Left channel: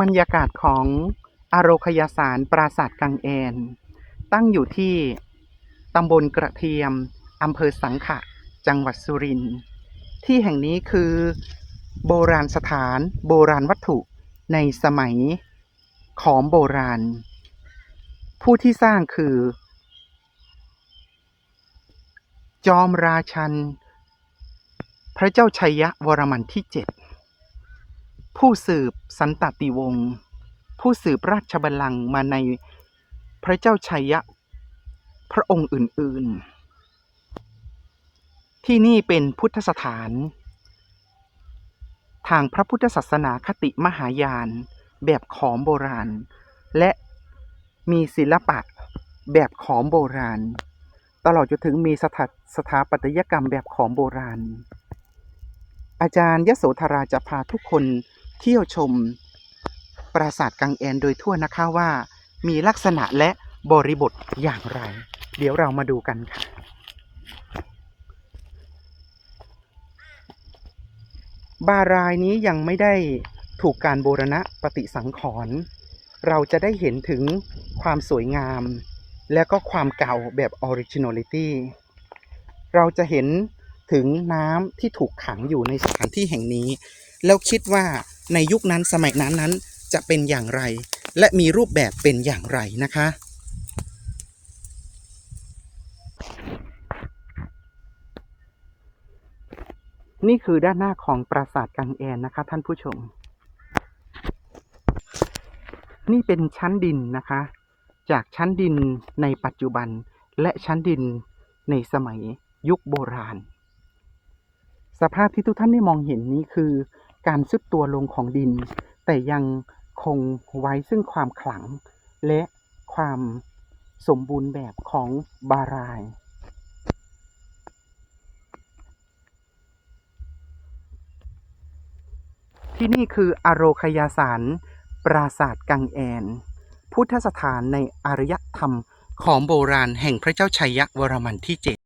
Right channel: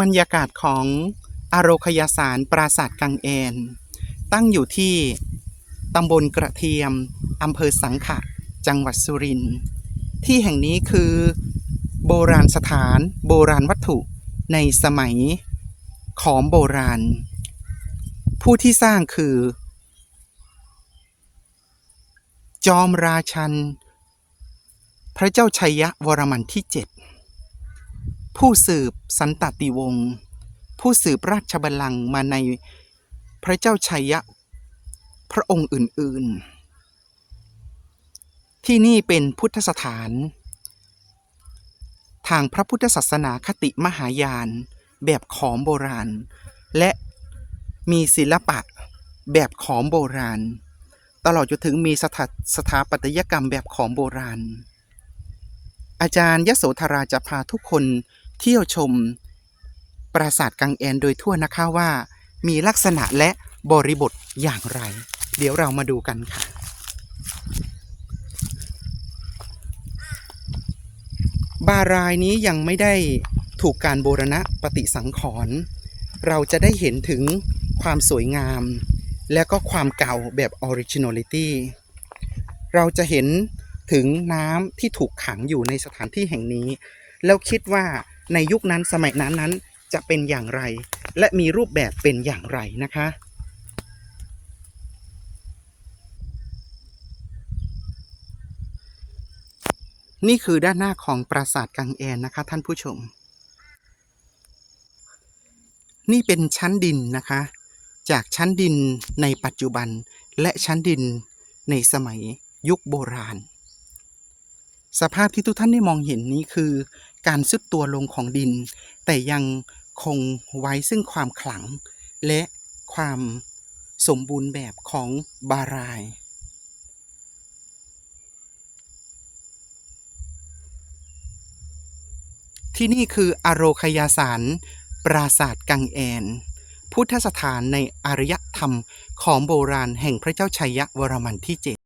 บรรยากาศของอโรคยาสารปราสาทกังแอน ตั้งอยู่ที่ตำบลกระเทียมอำเภอสังขะ จังหวัดสุรินทร์ที่แห่งนี้คือโบราณสถานโบราณวัตถุในสมัยขอมโบราณ ผู้ที่สร้างคือ จอมราชัน พระเจ้าชัยยะวรมันที่เจ็ด ผู้สืบสันตติวงศ์ผู้สืบราชบัลลังก์มาในพระเจ้าชัยยะ พระองค์อื่น ๆ ที่นี่เป็นพุทธสถาน ทางพระพุทธศาสนาคติมหายาน แบบขอมโบราณ และมีศิลปะแบบขอมโบราณ ตลอดจนถึงมีสถาสถาปัตยกรรมแบบขอมโบราณ อาจารย์ยโสธราจะพาทุกคน เที่ยวชม ปราสาทกังแอนโดยทั่วนะคะว่า มีลักษณะและบริบทอย่างไร เดี๋ยวเรามาดูกันค่ะบารายนี้ยังไม่ได้ถูกการบูรณะปฏิสังขรณ์เราจะได้เห็นถึงความสวยงาม และก็ความเก่าแบบ Originality เราจะเห็นถึงน้ำที่ถูกขังอยู่ในสถานที่แห่งนี้ แล้วคิดว่า ในยุคนั้นสมัยนั้นนั้นจะเป็นอย่างไร และมีรูปแบบเป็นอย่างไรนะคะ นี่คือด้านหน้าของปราสาทกังแอนนะคะ ท่านผู้ชม นี่เป็นชั้นดินนะคะ จากชั้นดินในปัจจุบันและชั้นดินในสมัยยุคโบราณ สภาพที่ทุกท่านได้มองเห็นนี้คือ การซุดตัวลงของดิน แต่ยังคงไว้ซึ่งความขลัง และความสมบูรณ์แบบของบาราย ที่นี่คืออโรคยาสารปราสาทกังแอน พุทธสถานในอารยธรรมของโบราณแห่งพระเจ้าชัยยะวรมันที่เจ็ด